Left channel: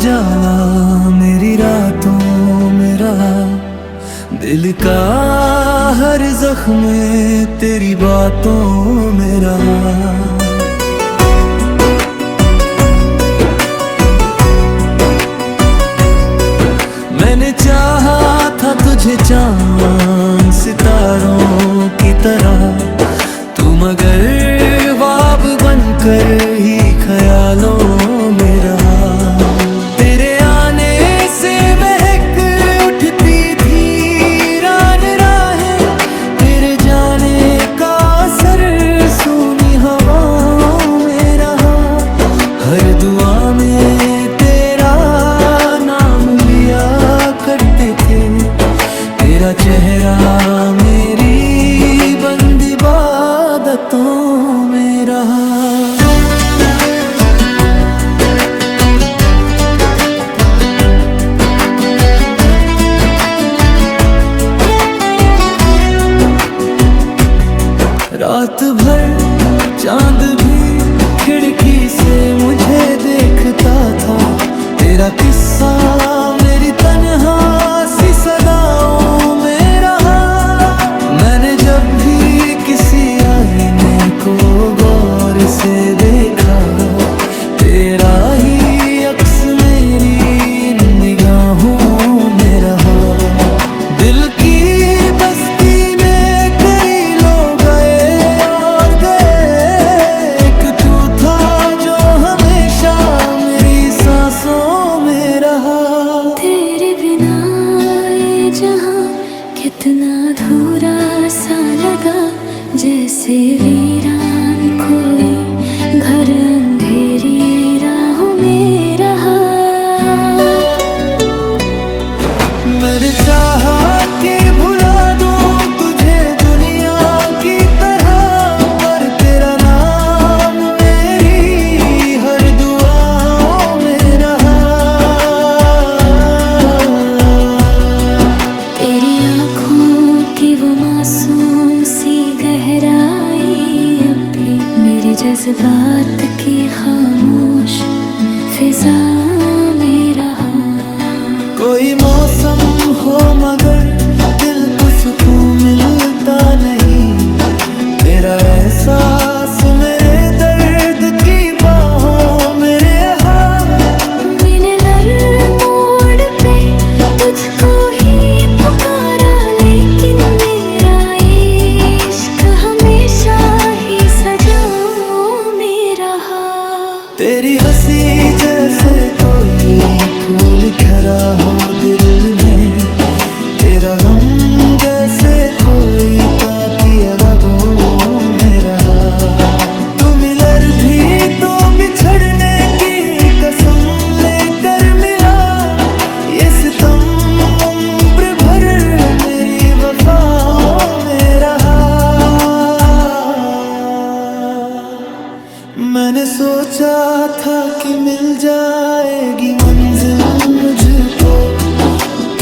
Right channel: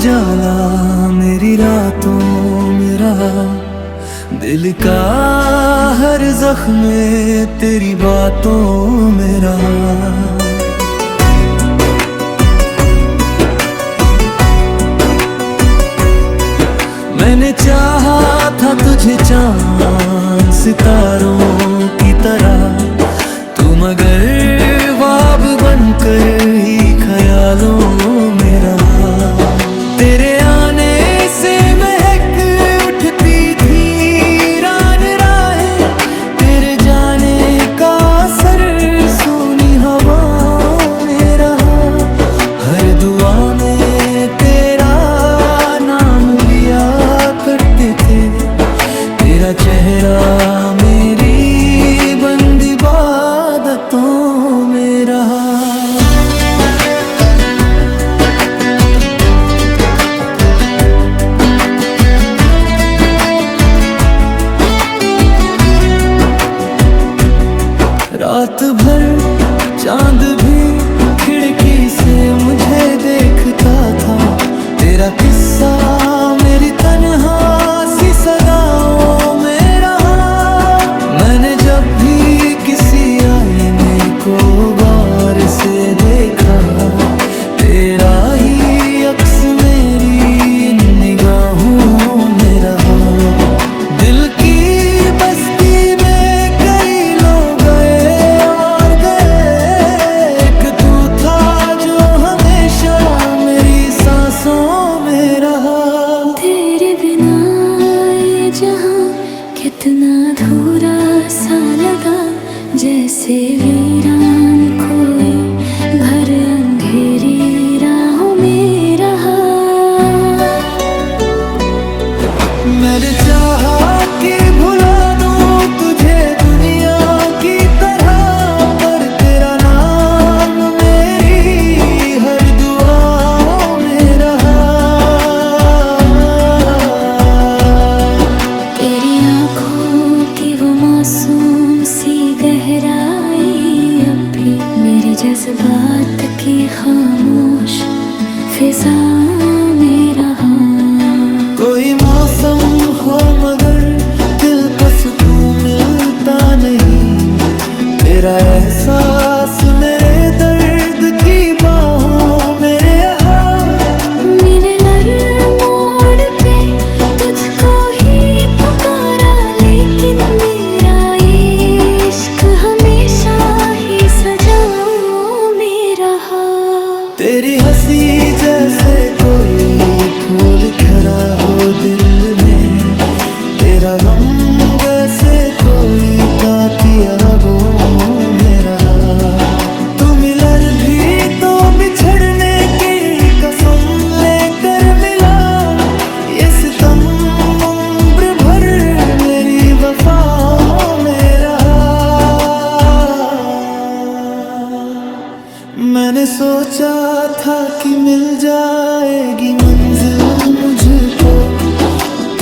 उजाला मेरी रातों में रहा, दिल का हर जख्म तेरी बातों में रहा। मैंने चाहा था तुझे चांद सितारों की तरह, तू मगर ख्वाब बनकर ही ख्यालों में रहा। तेरे आने से महक उठती थी रान राहें, तेरे जाने का असर सूनी हवाओं में रहा। हर दुआ में तेरा नाम लिया करते थे, तेरा चेहरा मेरी बंद इबादतों में रहा। रात भर चांद भी खिड़की से मुझे देखता था, तेरा किस्सा मेरी तन्हा सी सदाओं में रहा। मैंने जब भी किसी आईने को गौर से देखा, तेरा ही अक्स मेरी इन निगाहों में रहा। दिल की बस्ती में कई लोग गए और गए, एक तू था जो हमेशा मेरी सांसों में रहा। तेरे बिना ये जहां कितना अधूरा सा लगा, जैसे वीरान कोई घर अंधेरी राहों में रहा। मैंने चाहा कि भुला दूं तुझे दुनिया की तरह, पर तेरा नाम मेरी हर दुआओं में रहा। तेरी आँखों की वो मासूम सी गहराई अब भी मेरे जज्बात की खामोश फिजा में रहा। कोई मौसम हो मगर दिल को सुकून मिलता नहीं, तेरा एहसास मेरे दर्द की बाहों में रहा। मिनलर मोड़ पे तुझको ही पुकारा, लेकिन मेरा इश्क हमेशा ही सजाओं में रहा। तेरी हंसी जैसे कोई फूल खरा हो दिल में, तेरा गम जैसे कोई ताकिया रगों में रहा। तू मिलर भी तो बिछड़ने की कसम लेकर मिला, ये सितम उम्र भर मेरी वफाओं में रहा। मैंने सोचा था कि मिल जाएगी मंजिल मुझको,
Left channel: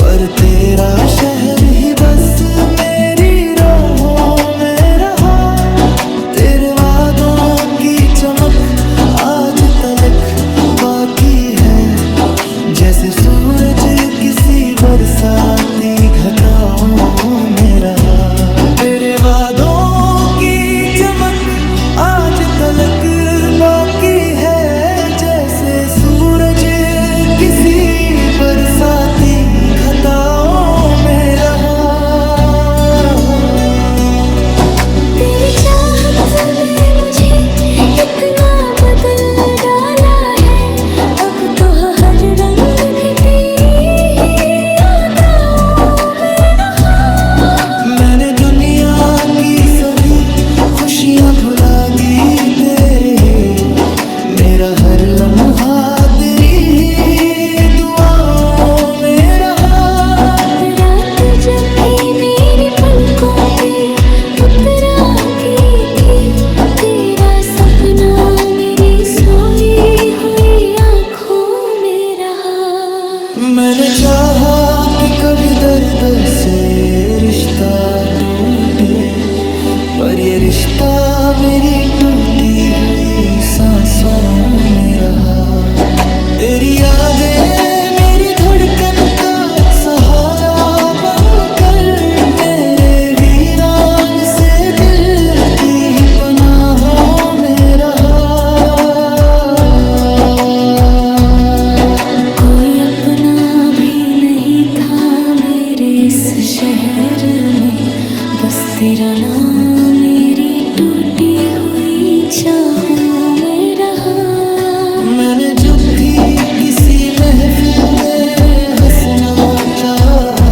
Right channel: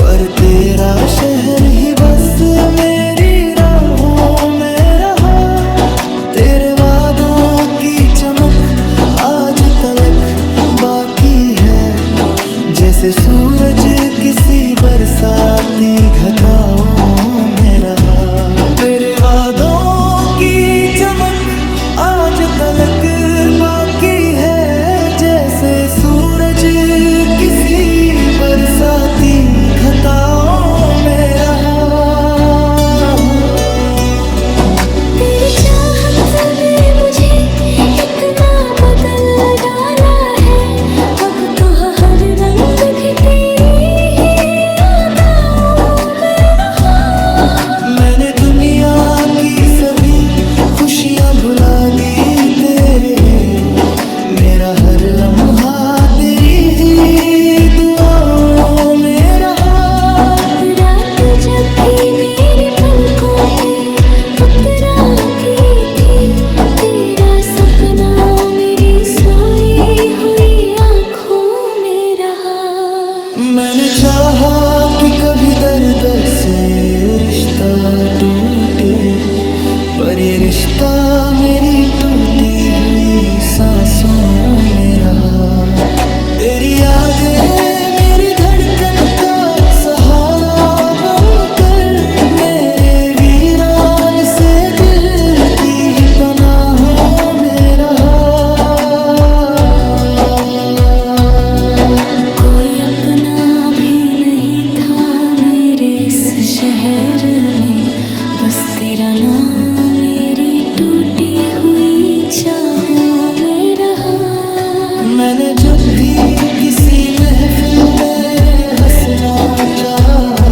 पर तेरा शहर ही बस मेरी राहों में रहा। तेरे वादों की चमक आज तलक बाकी है, जैसे सूरज किसी बरसाती घटाओं में रहा। तेरे वादों की चमक आज तलक बाकी है, जैसे सूरज किसी बरसाती घटाओं में रहा। तेरी चाहत में मुझे इतना बदल डाला है, अब तो हर रंग भी तेरी ही यादों में रहा। मैंने दुनिया की सभी खुशियाँ भुला दी तेरे, मेरा हर लम्हा तेरी ही दुआओं में रहा। रात जब भी मेरी पलकों पे उतराती थी, तेरा सपना मेरी सोई हुई आँखों में रहा। मैंने चाहा कि कभी दर्द से रिश्ता टूटे, पर ये रिश्ता मेरी टूटी हुई सांसों में रहा। तेरी यादें मेरी धड़कन का सहारा बनकर मेरे वीरान से दिल की पनाहों में रहा। कोई अपना भी नहीं था मेरे इस शहर में, बस तेरा नाम मेरी टूटी हुई चाहों में रहा। मैंने जब भी किसी महफिल में हंसना चाहा,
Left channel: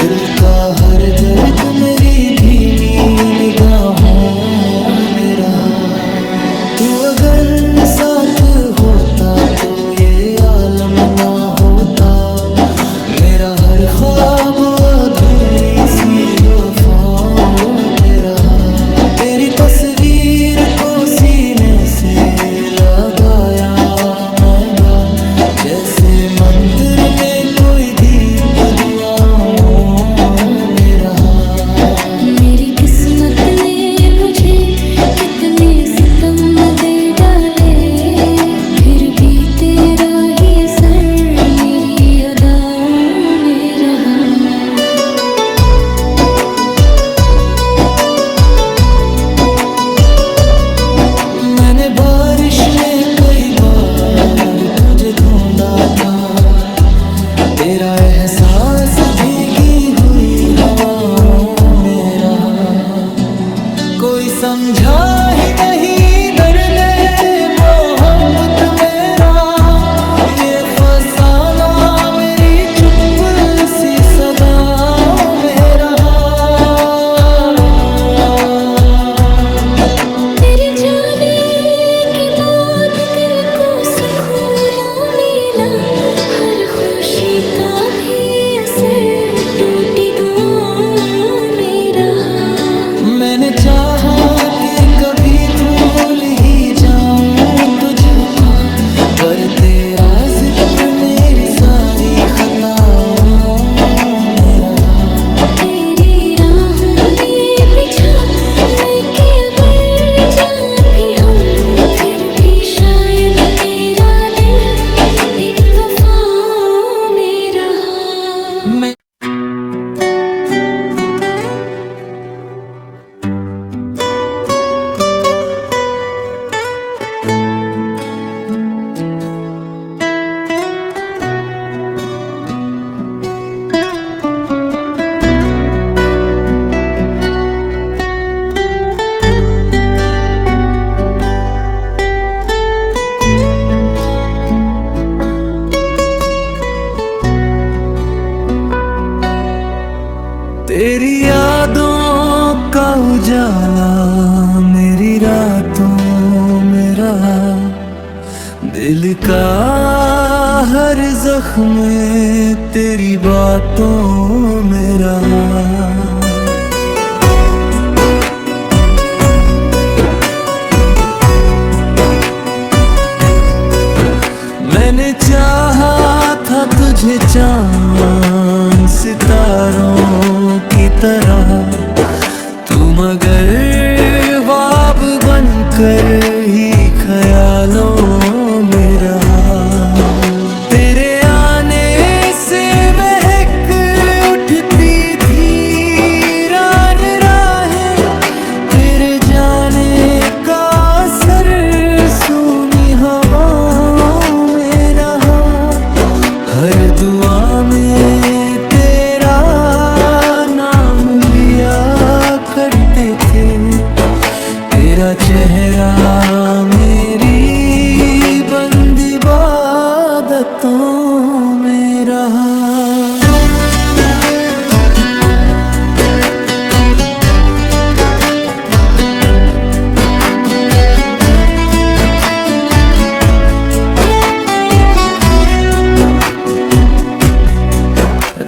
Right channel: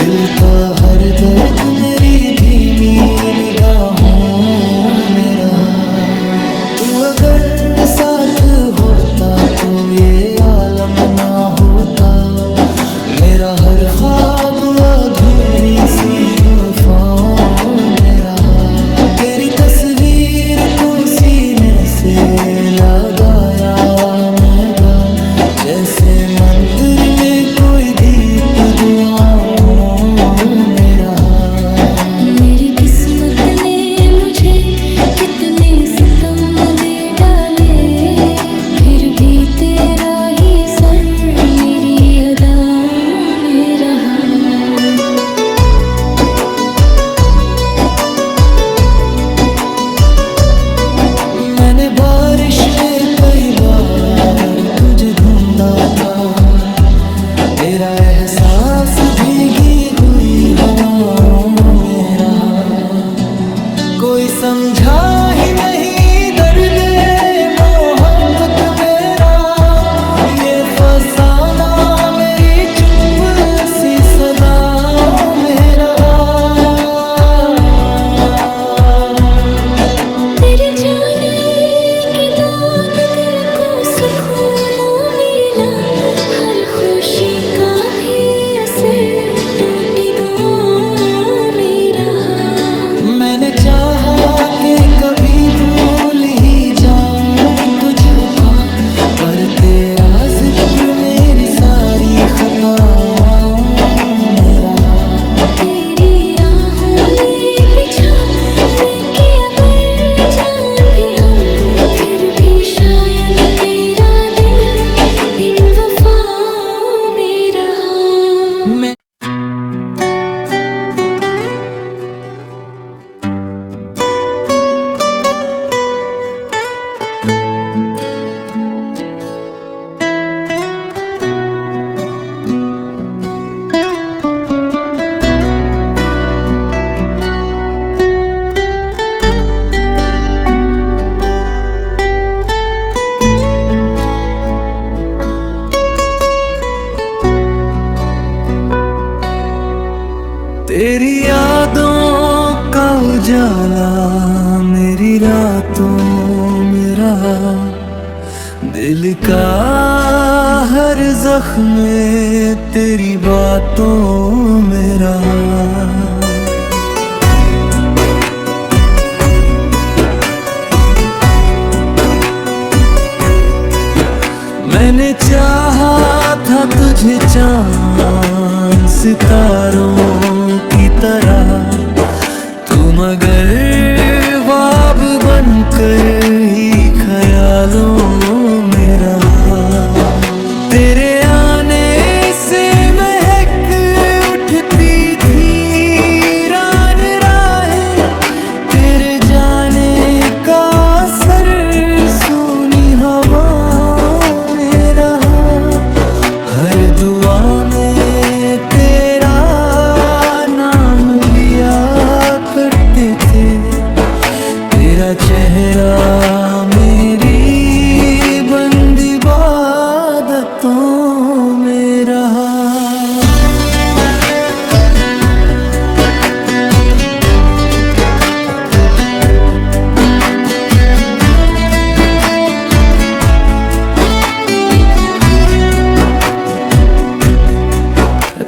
दिल का हर दर्द मेरी धीमी निगाहों में रहा। तू अगर साथ होता तो ये आलम ना होता, मेरा हर ख्वाब अधूरी सी वफाओं में रहा। तेरी तस्वीर को सीने से लगाया मैंगा, जैसे मंदिर में कोई दीप दुआओं में रहा। मेरी किस्मत ने मुझे कितने सितम दे डाले, फिर भी तेरा ही असर मेरी अदाओं में रहा। मैंने बारिश में कई बार तुझे ढूंढा था, तेरा एहसास भीगी हुई हवाओं में रहा। कोई समझा ही नहीं दर्द मोहब्बत मेरा, ये फसाना मेरी चुप सी सदाओं में रहा। तेरे जाने के बाद दिल को सुकून ना मिला, हर खुशी का भी असर टूटी दुआओं में रहा। मैंने चाहा कि कभी भूल ही जाऊं तुझको, पर तेरा जिक्र मेरी सारी खताओं में रहा। तेरी राहों में बिछा मैं के अगर जान भी हम, फिर भी शायद तेरा दिल इन वफाओं में रहा। मैं तेरी यादों का उजाला मेरी रातों में रहा, दिल का हर जख्म तेरी बातों में रहा। मैंने चाहा था तुझे चांद सितारों की तरह, तू मगर ख्वाब बनकर ही ख्यालों में रहा। तेरे आने से महक उठती थी रान राहें, तेरे जाने का असर सूनी हवाओं में रहा। हर दुआ में तेरा नाम लिया करते थे, तेरा चेहरा मेरी बंद इबादतों में रहा।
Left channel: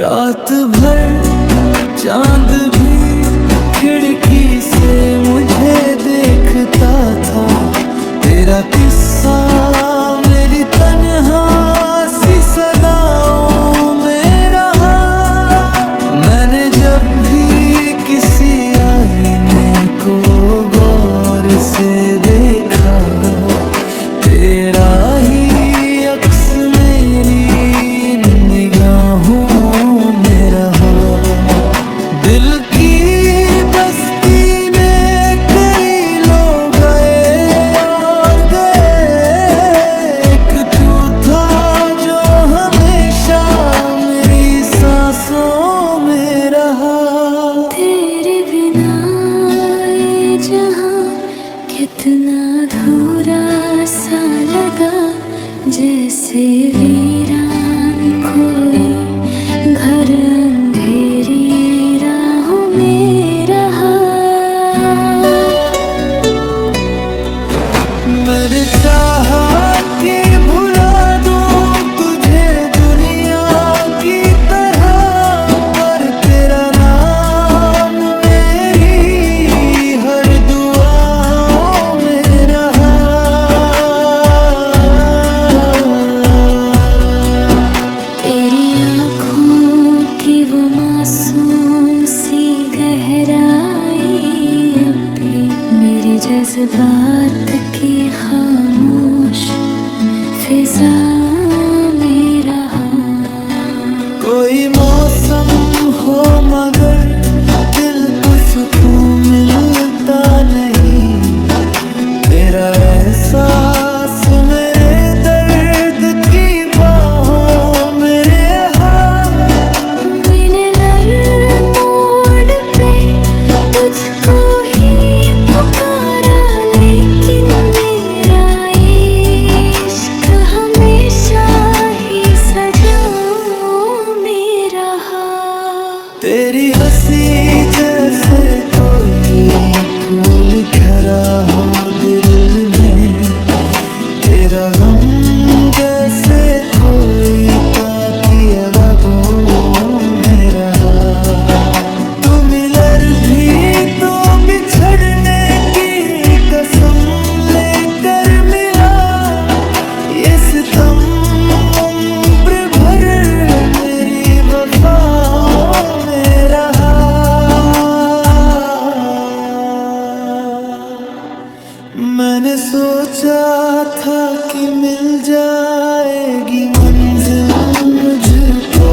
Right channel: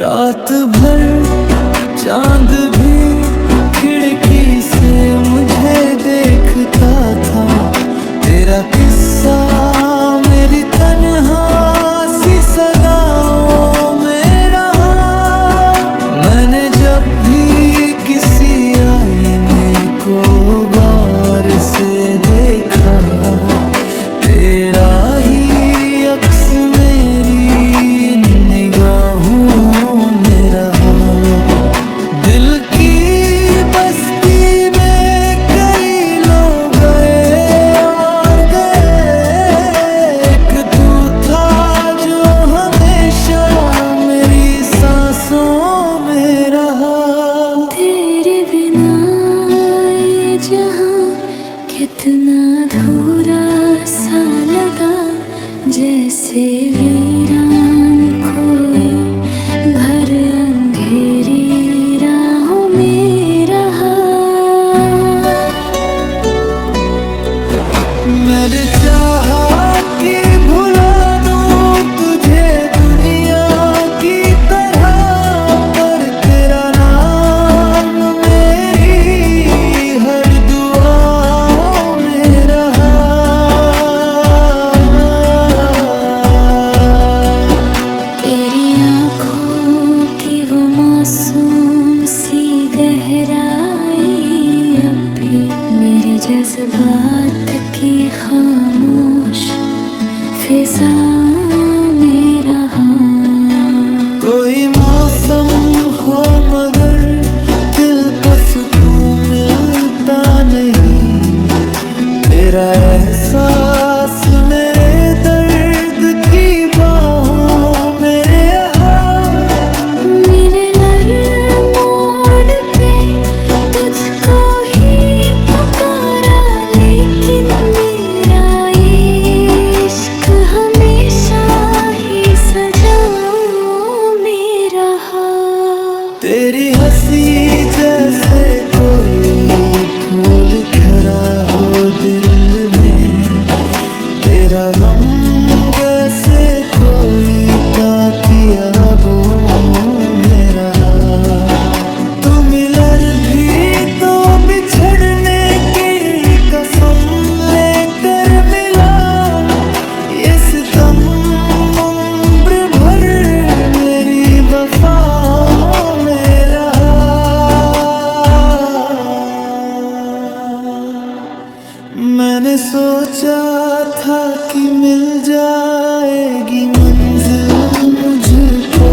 रात भर चांद भी खिड़की से मुझे देखता था, तेरा किस्सा मेरी तन्हा सी सदाओं में रहा। मैंने जब भी किसी आईने को गौर से देखा, तेरा ही अक्स में रहा। दिल की बस्ती में कई लोग गए और गए, एक तू था जो हमेशा मेरी सांसों में रहा। तेरे बिना ये जहां कितना अधूरा सा लगा, जैसे वीरान कोई घर अंधेरी राहों में रहा। मैंने चाहा कि भुला दूं तुझे दुनिया की तरह, पर तेरा नाम मेरी हर दुआओं में रहा। तेरी आँखों की वो मासूम सी गहराई अब भी मेरे जज्बात की खामोश फिजा में रहा। कोई मौसम हो मगर दिल को सुकून मिलता नहीं, तेरा एहसास मेरे दर्द की बाहों में रहा। मिलर मोड़ पे तुझको ही पुकारा, लेकिन मेरा इश्क हमेशा ही सजाओं में रहा। तेरी हंसी जैसे कोई फूल खरा हो दिल में, तेरा गम जैसे कोई ताकिया वो में रहा। तू मिलर भी तो बिछड़ने की कसम लेकर मिला, ये सितम उम्र भर मेरी वफाओं में रहा। मैंने सोचा था कि मिल जाएगी मंजिल मुझको,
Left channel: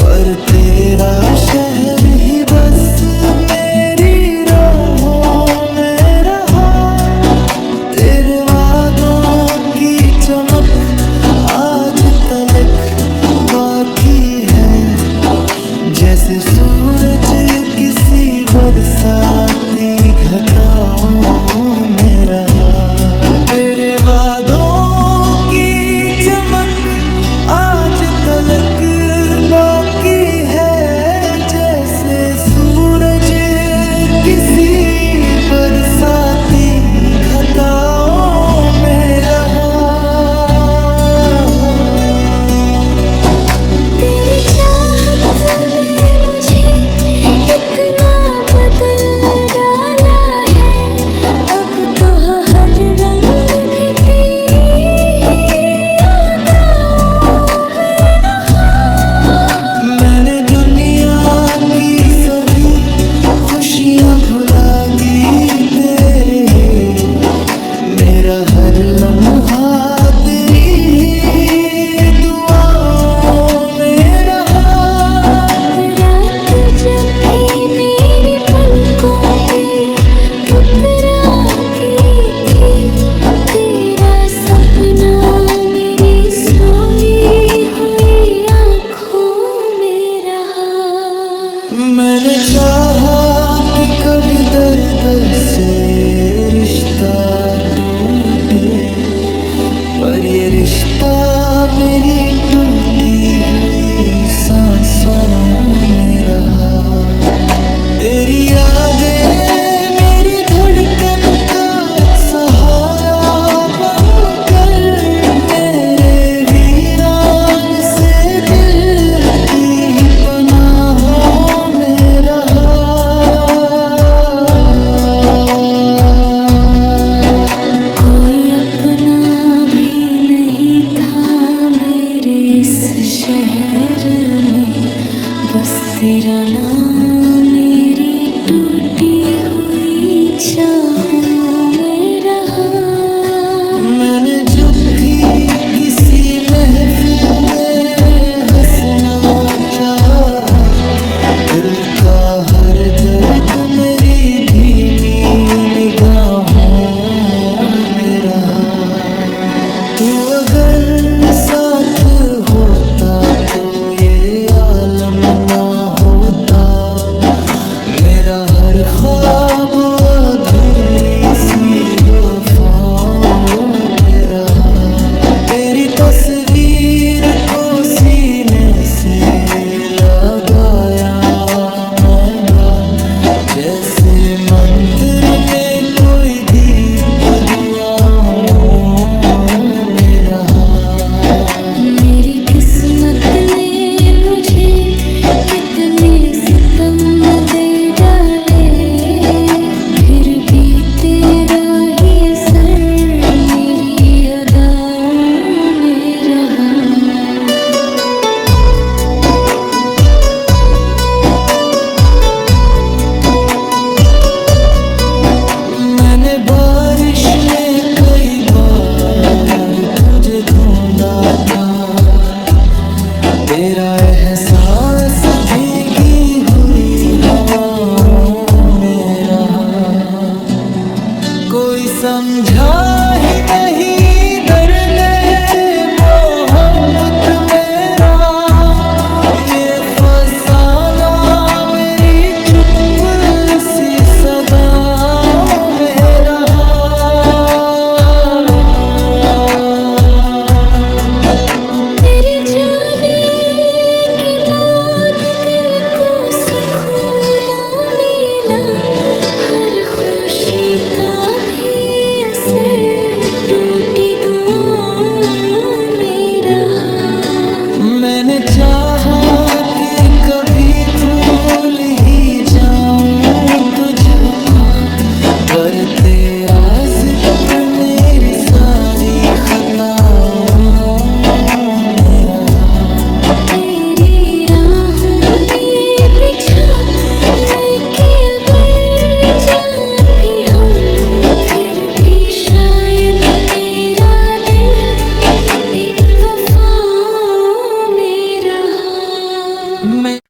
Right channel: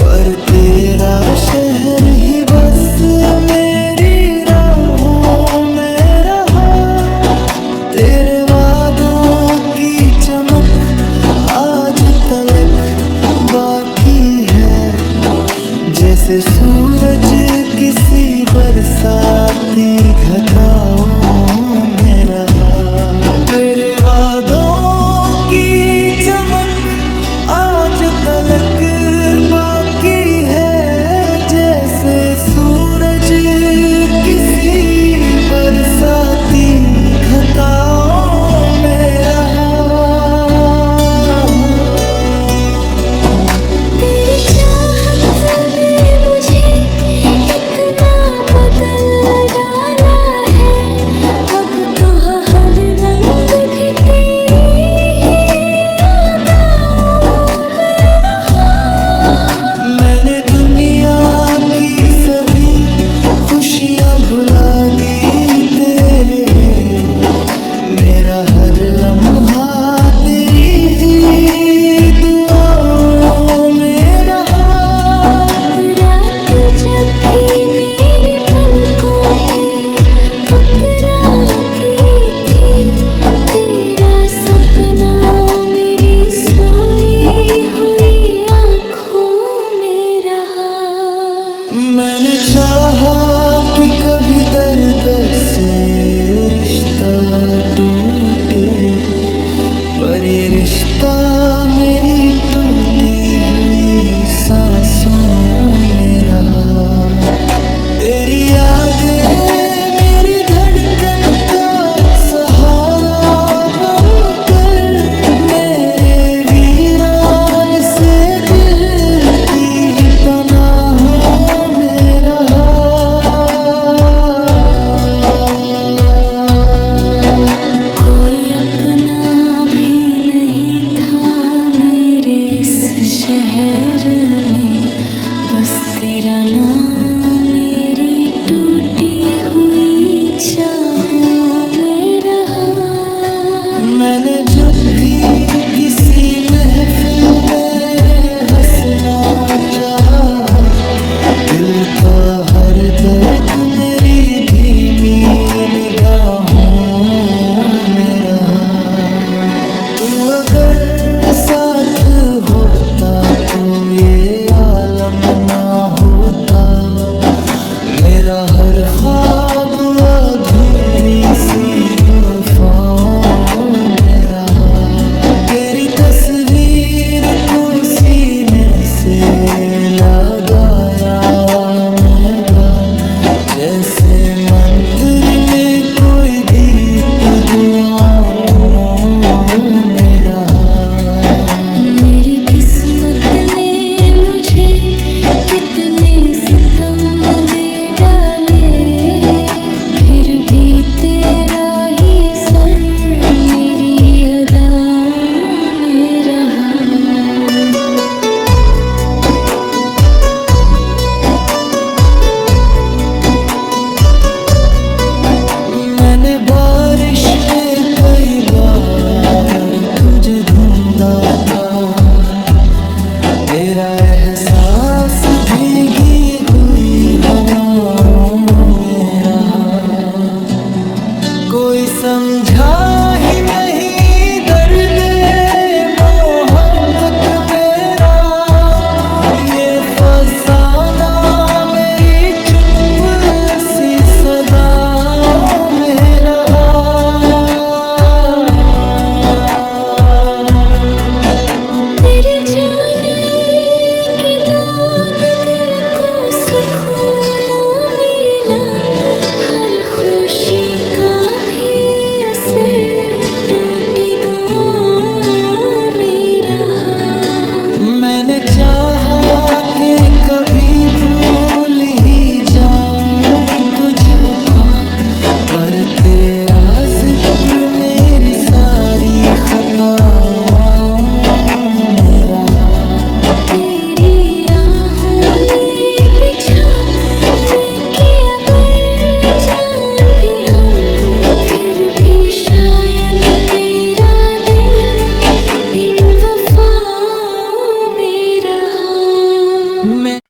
पर तेरा शहर ही बस मेरी राहों में रहा। तेरे वादों की चमक आज तलक बाकी है, जैसे सूरज किसी बरसाती घटाओं में रहा। तेरे वादों की चमक आज तलक बाकी है, जैसे सूरज किसी बरसाती घटाओं में रहा। तेरी चाहत ने मुझे इतना बदल डाला है, अब तो हर रंग भी तेरी ही यादों में रहा। मैंने दुनिया की सभी खुशियाँ भुला दी तेरे, मेरा हर लम्हा तेरी ही दुआओं में रहा। रात जब भी मेरी पलकों पे उतराती थी, तेरा सपना मेरी सोई हुई आँखों में रहा। मैंने चाहा कि कभी दर्द से रिश्ता टूटे, पर ये रिश्ता मेरी टूटी हुई सांसों में रहा। तेरी यादें मेरी धड़कन का सहारा बनकर, मेरे वीरान से दिल की पनाहों में रहा। कोई अपना भी नहीं था मेरे इस शहर में, बस तेरा नाम मेरी टूटी हुई चाहों में रहा। मैंने जब भी किसी महफिल में हंसना चाहा, दिल का हर दर्द मेरी धीमी निगाहों में रहा। तू अगर साथ होता तो ये आलम ना होता, मेरा हर ख्वाब अधूरी सी वफाओं में रहा। तेरी तस्वीर को सीने से लगाया मैंगा, जैसे मंदिर में कोई दीप दुआओं में रहा। मेरी किस्मत ने मुझे कितने सितम दे डाले, फिर भी तेरा ही असर मेरी अदाओं में रहा। मैंने बारिश में कई बार तुझे ढूंढा था, तेरा एहसास भीगी हुई हवाओं में रहा। कोई समझा ही नहीं दर्द मोहब्बत मेरा, ये फसाना मेरी चुप सी सदाओं में रहा। तेरे जाने के बाद दिल को सुकून मिला, हर खुशी का भी असर टूटी दुआओं में रहा। मैंने चाहा कि कभी भूल ही जाऊं तुझको, पर तेरा जिक्र मेरी सारी खताओं में रहा। तेरी राहों में बिछा लेके अगर जान भी हम, फिर भी शायद तेरा दिल इन वफाओं में रहा। मैं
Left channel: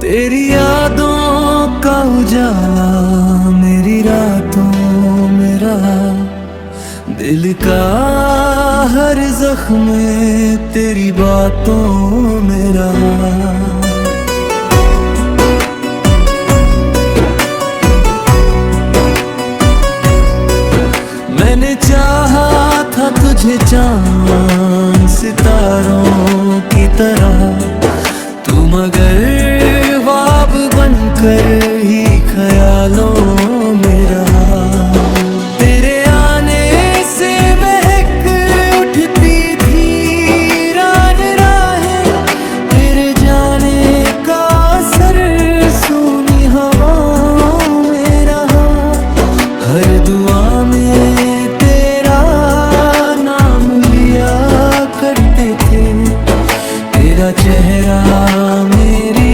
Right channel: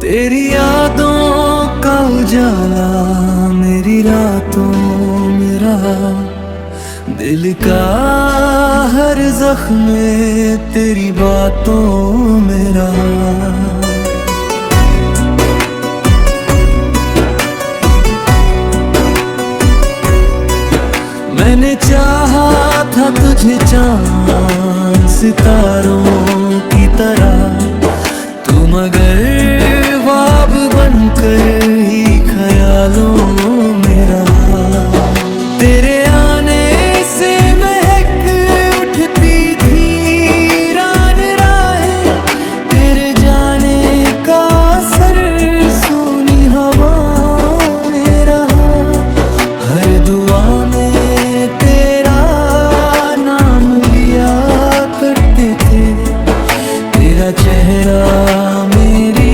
तेरी यादों का उजाला मेरी रातों में रहा, दिल का हर जख्म तेरी बातों में रहा। मैंने चाहा था तुझे चांद सितारों की तरह, तू मगर ख्वाब बनकर ही ख्यालों में रहा। तेरे आने से महक उठती थी रान राहें, तेरे जाने का असर सूनी हवाओं में रहा। हर दुआ में तेरा नाम लिया करते थे, तेरा चेहरा मेरी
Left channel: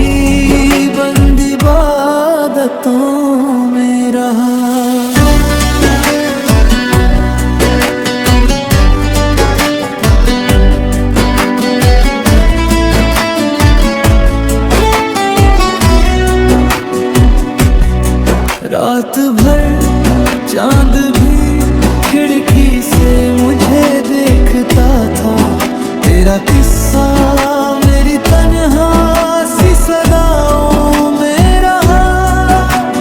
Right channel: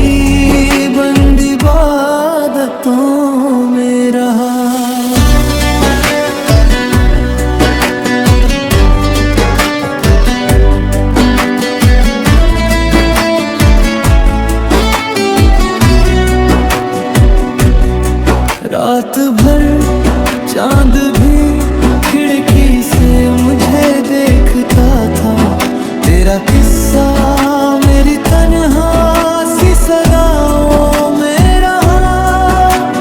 बंद इबादतों में रहा। रात भर चांद भी खिड़की से मुझे देखता था, तेरा किस्सा मेरी तन्हा सी सदाओं में रहा।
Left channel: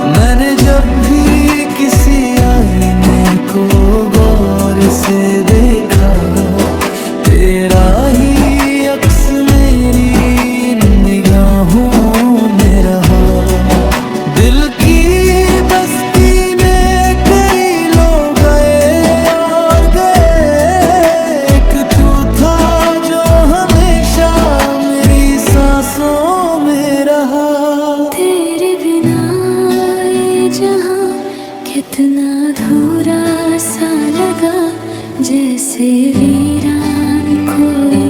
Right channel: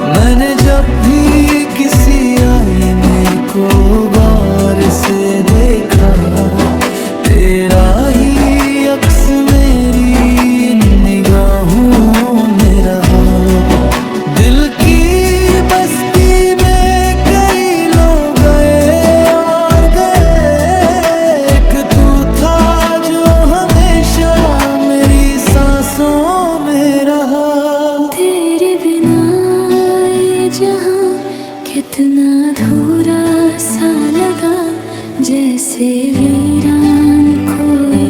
मैंने जब भी किसी आईने को गौर से देखा, तेरा ही अक्स मेरी निगाहों में रहा। दिल की बस्ती में कई लोग गए और गए, एक तू था जो हमेशा मेरी सांसों में रहा। तेरे इतना अधूरा सा लगा जैसे वीरान कोई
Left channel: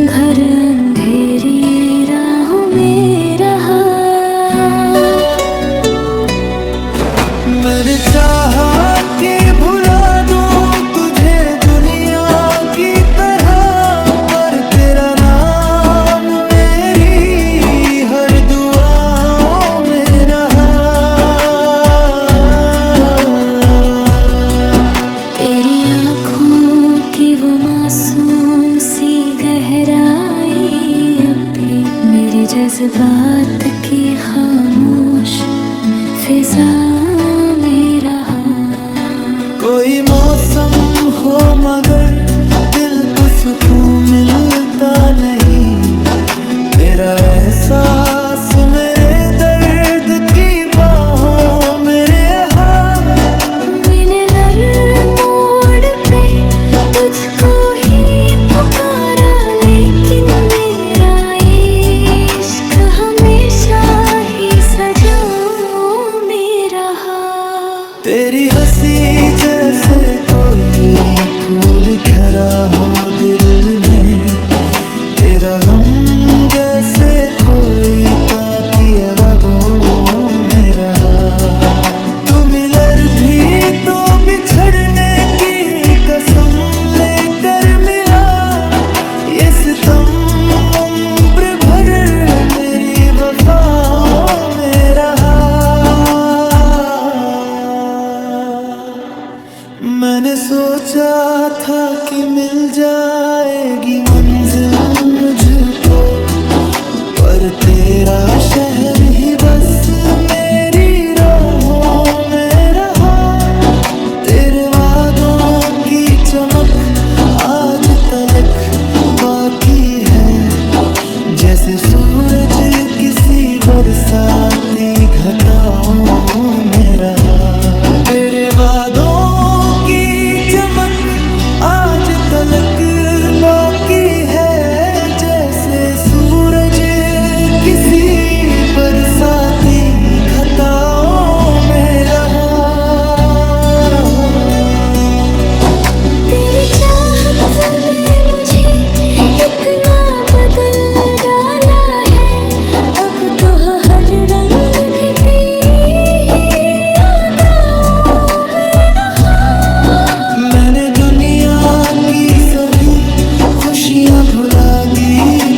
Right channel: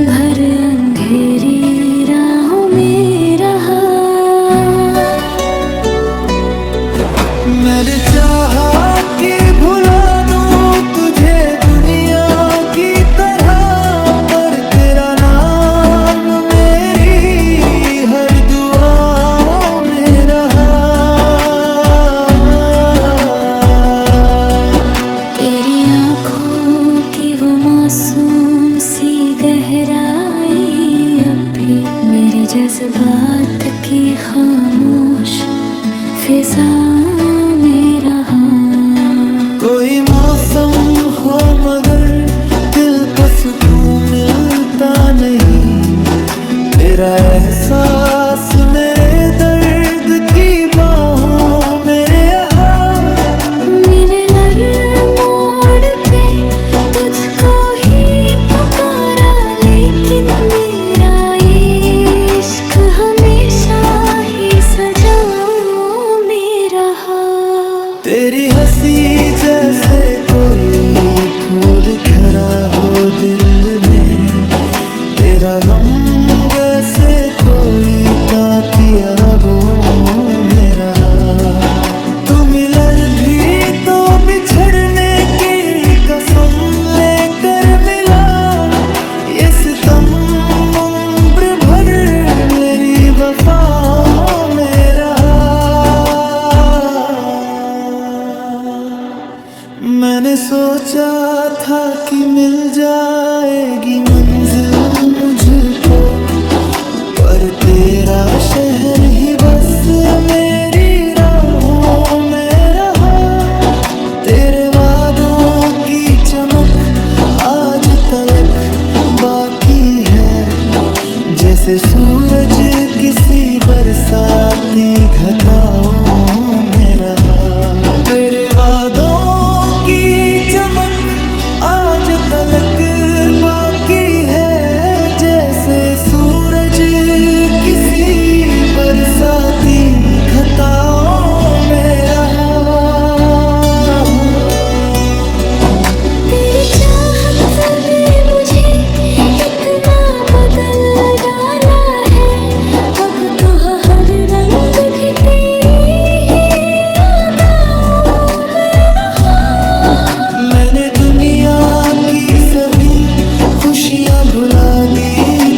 घर अंधेरी राहों में रहा। मैंने चाहा कि भुला दूं तुझे दुनिया की तरह, पर तेरा नाम मेरी हर दुआओं में रहा। तेरी आँखों की वो मासूम सी गहराई अब भी मेरे जज्बात की खामोश फिजा में रहा। कोई मौसम हो मगर दिल को सुकून मिलता नहीं, तेरा एहसास मेरे दर्द की बाहों में रहा। मिनलर मोड़ पे तुझको ही पुकारा, लेकिन मेरा ये इश्क हमेशा ही सजाओं में रहा। तेरी हंसी जैसे कोई फूल खरा हो दिल में, तेरा गम जैसे कोई ताकिया रगों में रहा। तू मिलर भी तो बिछड़ने की कसम लेकर मिला, ये सितम उम्र भर मेरी वफाओं में रहा। मैंने सोचा था कि मिल जाएगी मंजिल मुझको, पर तेरा शहर ही बस मेरी राहों में रहा। तेरे वादों की चमक आज तलक बाकी है, जैसे सूरज किसी बरसाती घटाओं में रहा। तेरे वादों की चमक आज तलक बाकी है, जैसे सूरज किसी बरसाती घटाओं में रहा। तेरी चाहत में मुझे इतना बदल डाला है, अब तो हर रंग भी तेरी ही अदाओं में रहा। मैंने दुनिया की सभी खुशियाँ भुला दी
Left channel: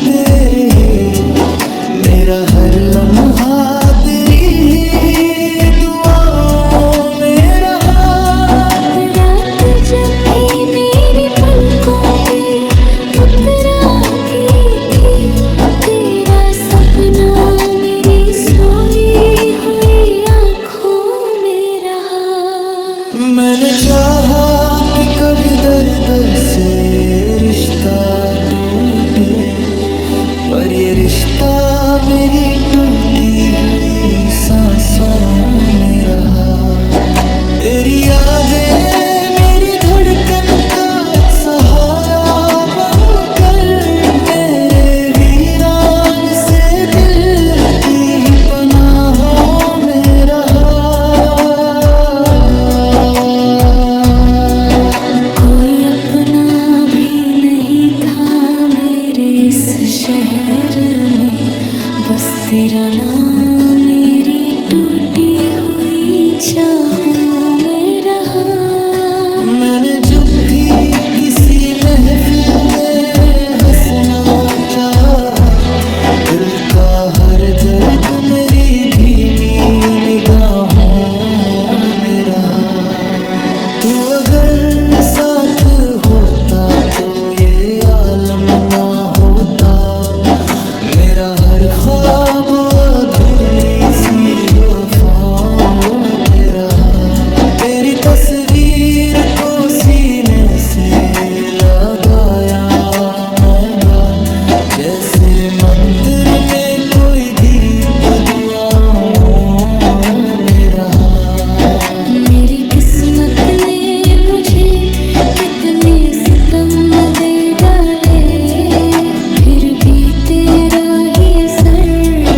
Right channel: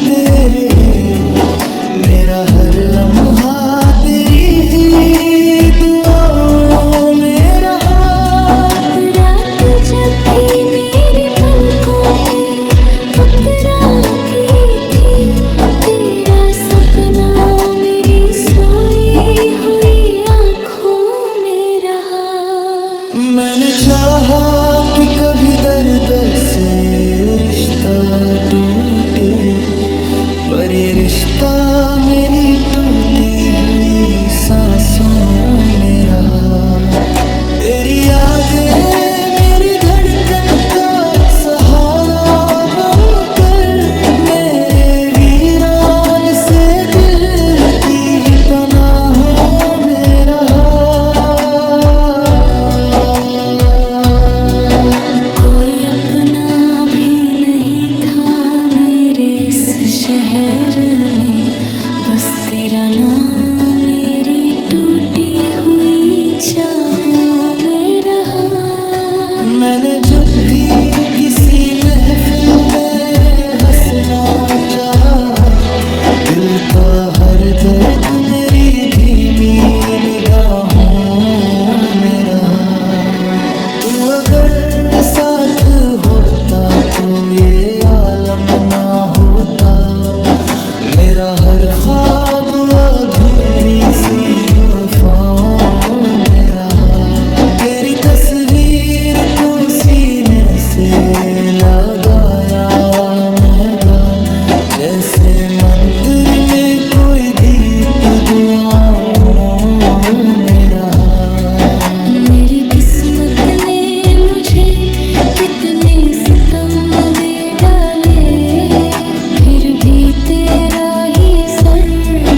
तेरे, मेरा हर लम्हा तेरी ही दुआओं में रहा। रात जब भी मेरी पलकों पे उतराती थी, तेरा सपना मेरी सोई हुई आँखों में रहा। मैंने चाहा कि कभी दर्द से रिश्ता टूटे, पर ये रिश्ता मेरी टूटी हुई सांसों में रहा। तेरी यादें मेरी धड़कन का सहारा बनकर, मेरे वीरान से दिल की पनाहों में रहा। कोई अपना भी नहीं था मेरे इस शहर में, बस तेरा नाम मेरी टूटी हुई चाहों में रहा। मैंने जब भी किसी महफिल में हंसना चाहा, दिल का हर दर्द मेरी धीमी निगाहों में रहा। तू अगर साथ होता तो ये आलम ना होता, मेरा हर ख्वाब अधूरी सी वफाओं में रहा। तेरी तस्वीर को सीने से लगाया मैंगा, जैसे मंदिर में कोई दीप दुआओं में रहा। मेरी किस्मत ने मुझे कितने सितम दे डाले, फिर भी तेरा ही असर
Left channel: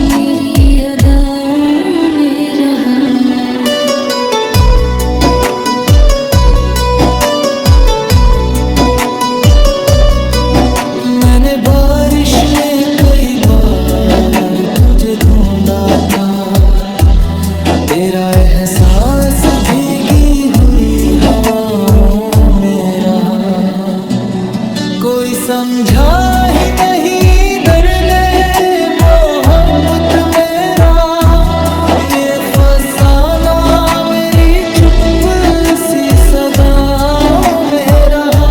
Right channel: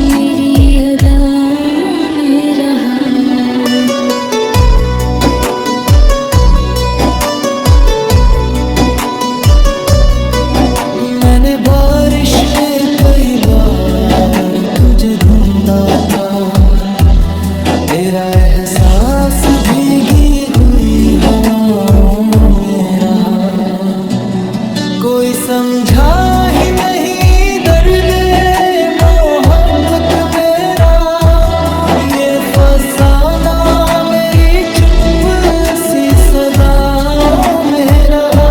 मेरी अदाओं में रहा। तेरा एहसास भीगी हुई हवाओं में रहा। कोई समझा ही नहीं दर्द मोहब्बत मेरा, ये फसाना मेरी चुप सी सदाओं में रहा।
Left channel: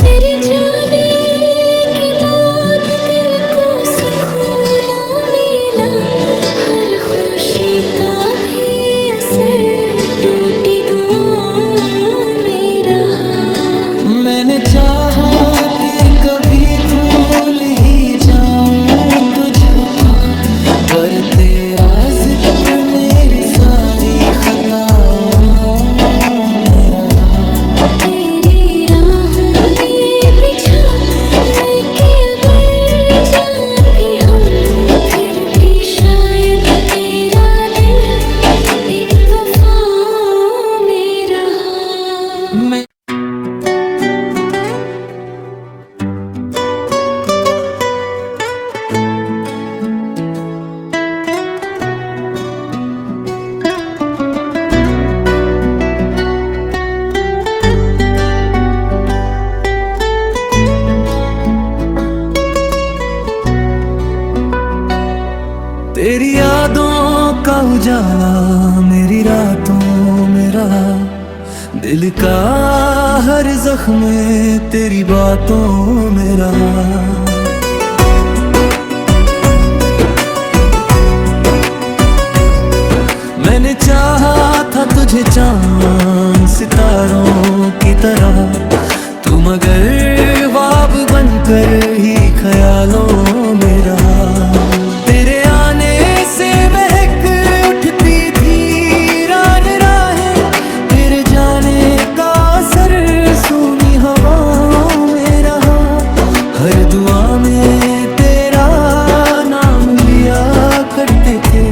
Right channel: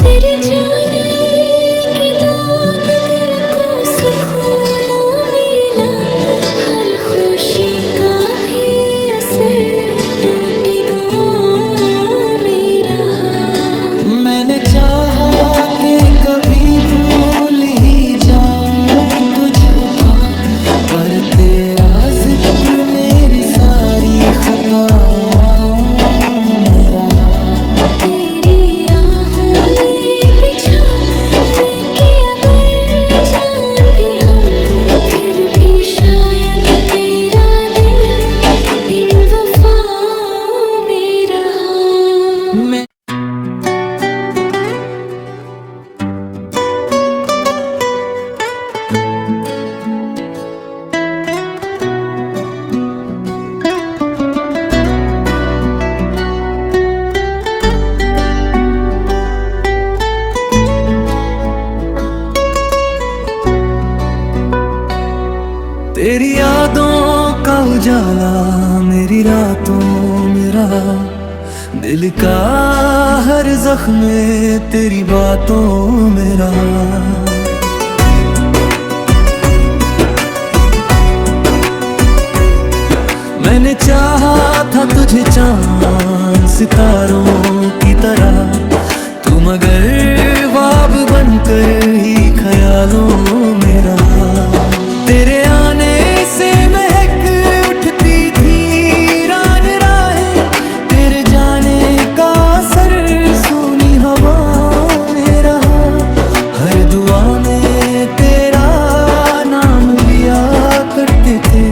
तेरे जाने के बाद दिल को सुकून मिला, हर खुशी का भी असर टूटी दुआओं में रहा। मैंने चाहा कि कभी भूल ही जाऊं तुझको, पर तेरा जिक्र मेरी सारी खताओं में रहा। तेरी राहों में बिछा मैं कि अगर जान भी हम, फिर भी शायद तेरा दिल इन वफाओं में रहा। मैं तेरी यादों का उजाला मेरी रातों में रहा। दिल का हर जख्म तेरी बातों में रहा। मैंने चाहा था तुझे चांद सितारों की तरह, तू मगर ख्वाब बनकर ही ख्यालों में रहा। तेरे आने से महक उठती थी रान राहें, तेरे जाने का असर सूनी हवाओं में रहा। हर दुआ में तेरा नाम लिया करते थे,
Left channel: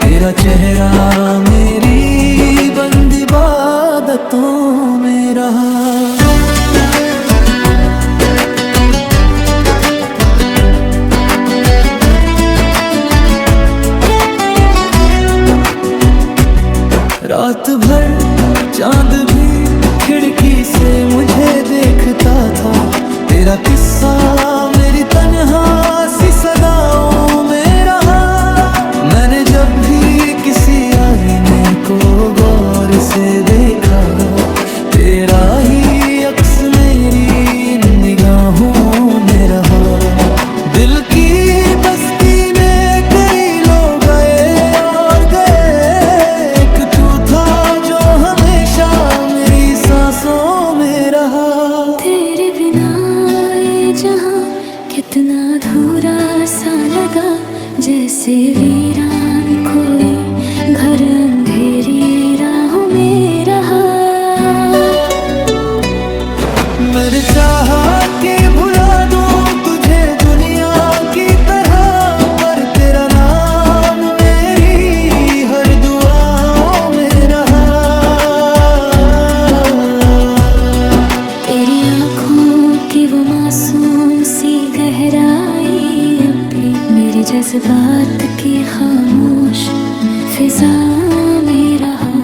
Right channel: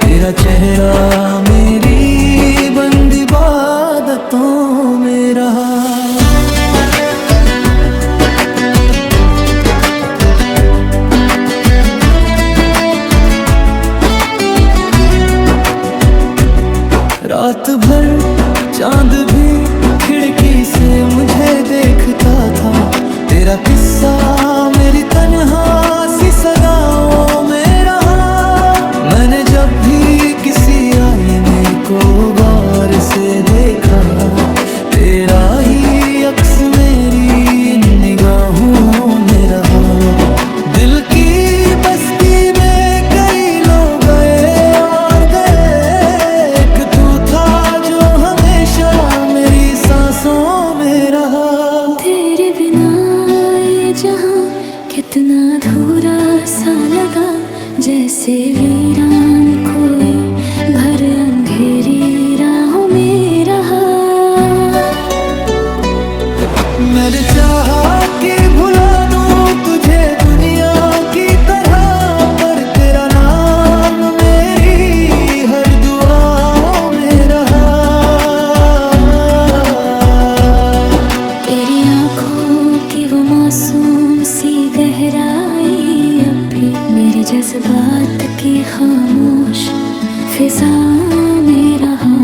तेरा चेहरा मेरी बंद इबादतों में रहा। रात भर चांद भी खिड़की से मुझे देखता था, तेरा किस्सा मेरी तन्हा सी सदाओं में रहा। मैंने जब भी किसी आईने को गौर से देखा, तेरा ही अक्स मेरी इन निगाहों में रहा। दिल की बस्ती में कई लोग गए और गए, एक तू था जो हमेशा मेरी सांसों में रहा। तेरे बिना ये जहां कितना अधूरा सा लगा, जैसे वीरान कोई घर अंधेरी राहों में रहा। मैंने चाहा कि भुला दूं तुझे दुनिया की तरह, पर तेरा नाम मेरी हर दुआओं में रहा। तेरी आँखों की वो मासूम सी गहराई अब भी मेरे जज्बात की खामोश फिजा में रहा।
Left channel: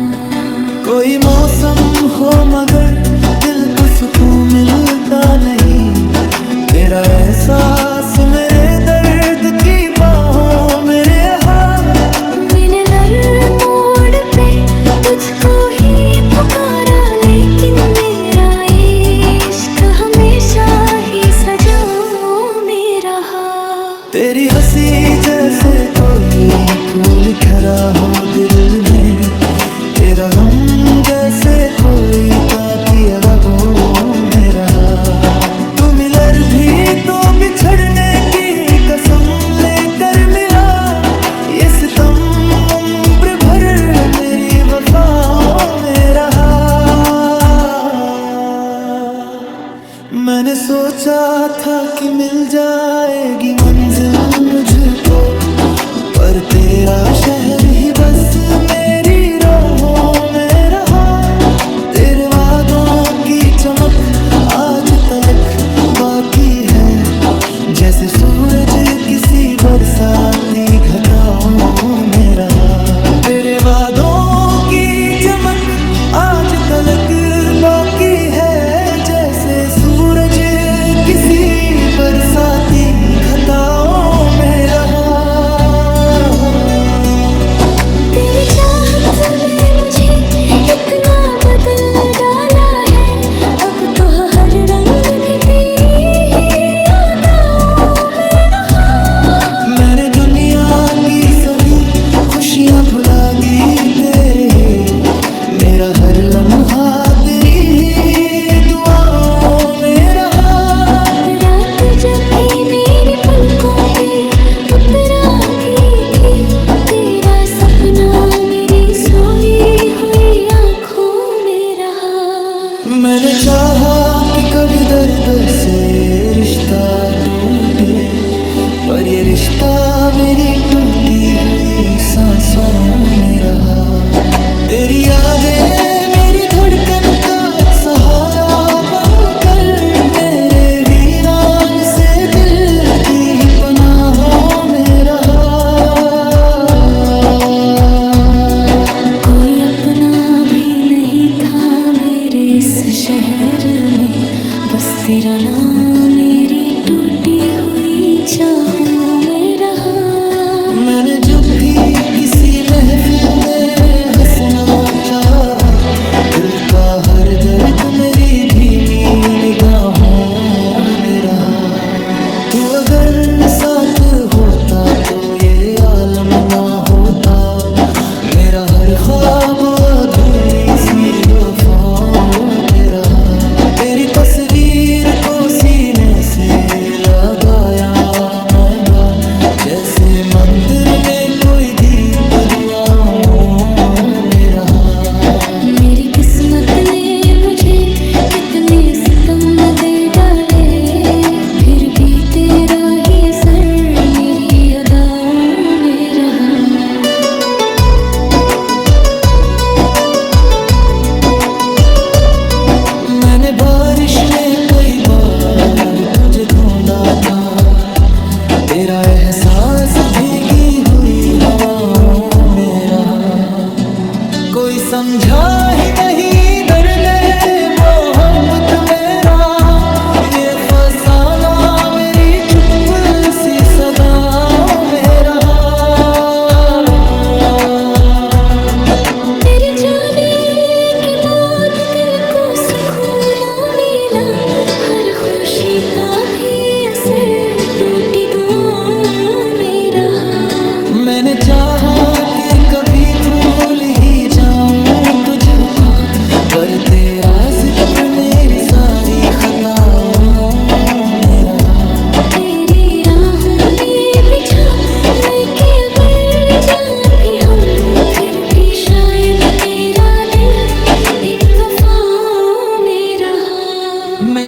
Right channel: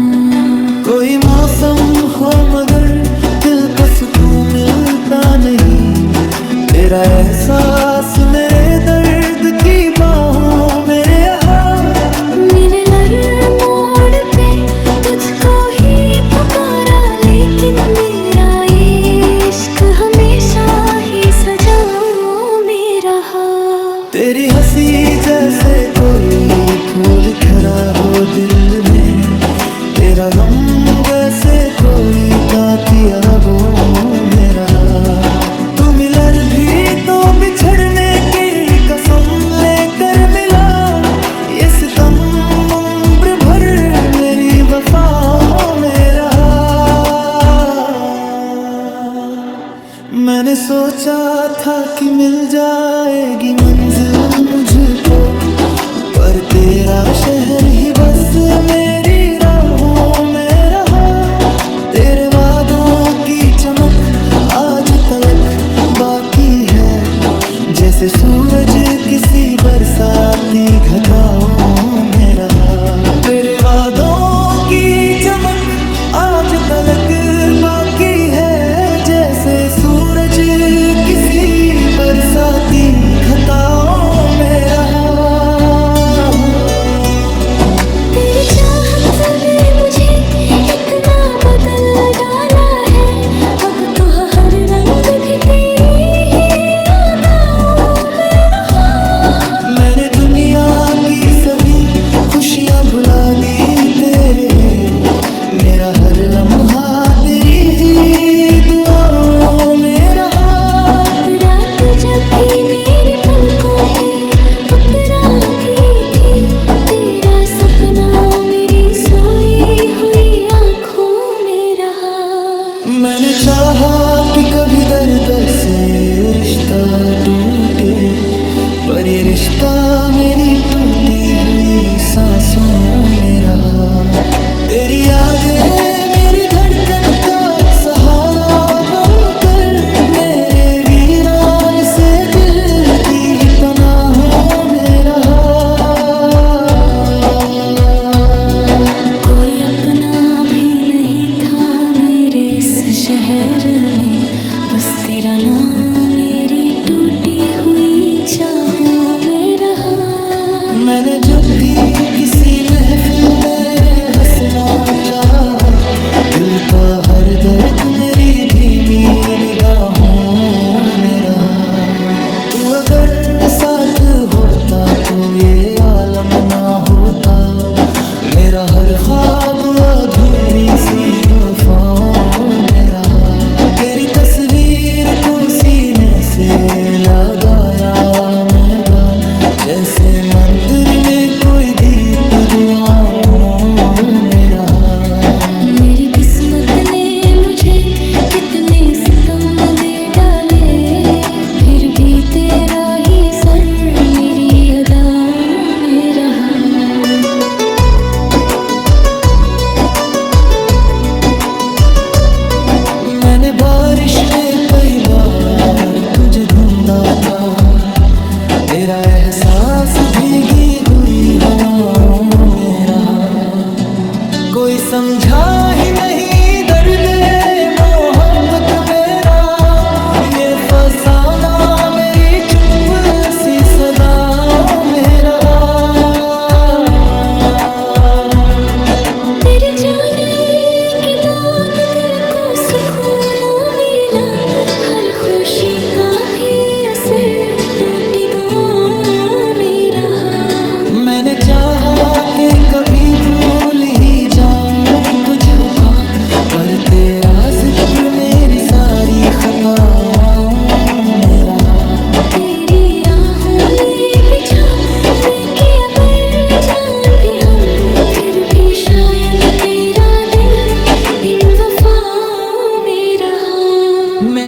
कोई मौसम हो मगर दिल को सुकून मिलता नहीं, तेरा एहसास मेरे दर्द की बाहों में रहा। मिनलर मोड़ पे तुझको ही पुकारा, लेकिन मेरा इश्क हमेशा ही सजाओं में रहा। तेरी हंसी जैसे कोई फूल खरा हो दिल में, तेरा गम जैसे कोई ताती रगों में रहा। तू मिलर भी तो बिछड़ने की कसम लेकर मिला, ये सितम उम्र भर मेरी वफाओं में रहा। मैंने सोचा था कि मिल जाएगी मंजिल मुझको, पर तेरा शहर ही बस मेरी राहों में रहा। तेरे वादों की चमक आज तलक बाकी है, जैसे सूरज किसी बरसाती घटाओं में रहा। तेरे वादों की चमक आज तलक बाकी है, जैसे सूरज किसी बरसाती घटाओं में रहा। तेरी चाहत में मुझे इतना बदल डाला है, अब तो हर रंग भी तेरी ही यादों में रहा। मैंने दुनिया की सभी खुशियां भुला दी तेरे, मेरा हर लम्हा तेरी ही दुआओं में रहा। रात जब भी मेरी पलकों पे उतराती थी, तेरा सपना मेरी सोई हुई आंखों में रहा। मैंने चाहा कि कभी दर्द से रिश्ता टूटे, पर ये रिश्ता मेरी टूटी हुई सांसों में रहा। तेरी यादें मेरी धड़कन का सहारा बनकर, मेरे वीरान से दिल की पनाहों में रहा। कोई अपना भी नहीं था मेरे इस शहर में, बस तेरा नाम मेरी टूटी हुई चाहों में रहा। मैंने जब भी किसी महफिल में हंसना चाहा, दिल का हर दर्द मेरी धीमी निगाहों में रहा। तू अगर साथ होता तो ये आलम ना होता, मेरा हर ख्वाब अधूरी सी वफाओं में रहा। तेरी तस्वीर को सीने से लगाया मैं गा, जैसे मंदिर में कोई दीप दुआओं में रहा। मेरी किस्मत ने मुझे कितने सितम दे डाले, फिर भी तेरा ही असर मेरी अदाओं में रहा। मैंने बारिश में कई बार तुझे ढूंढा था, तेरा एहसास भीगी हुई हवाओं में रहा। कोई समझा ही नहीं दर्द मोहब्बत मेरा, ये फसाना मेरी चुप सी सदाओं में रहा। तेरे जाने के बाद दिल को सुकून ना मिला, हर खुशी का भी असर टूटी दुआओं में रहा। मैंने चाहा कि कभी भूल ही जाऊं तुझको, पर तेरा जिक्र मेरी सारी खताओं में रहा। तेरी राहों में बिछा मैं के अगर जान भी हम, फिर भी शायद तेरा दिल इन वफाओं में रहा।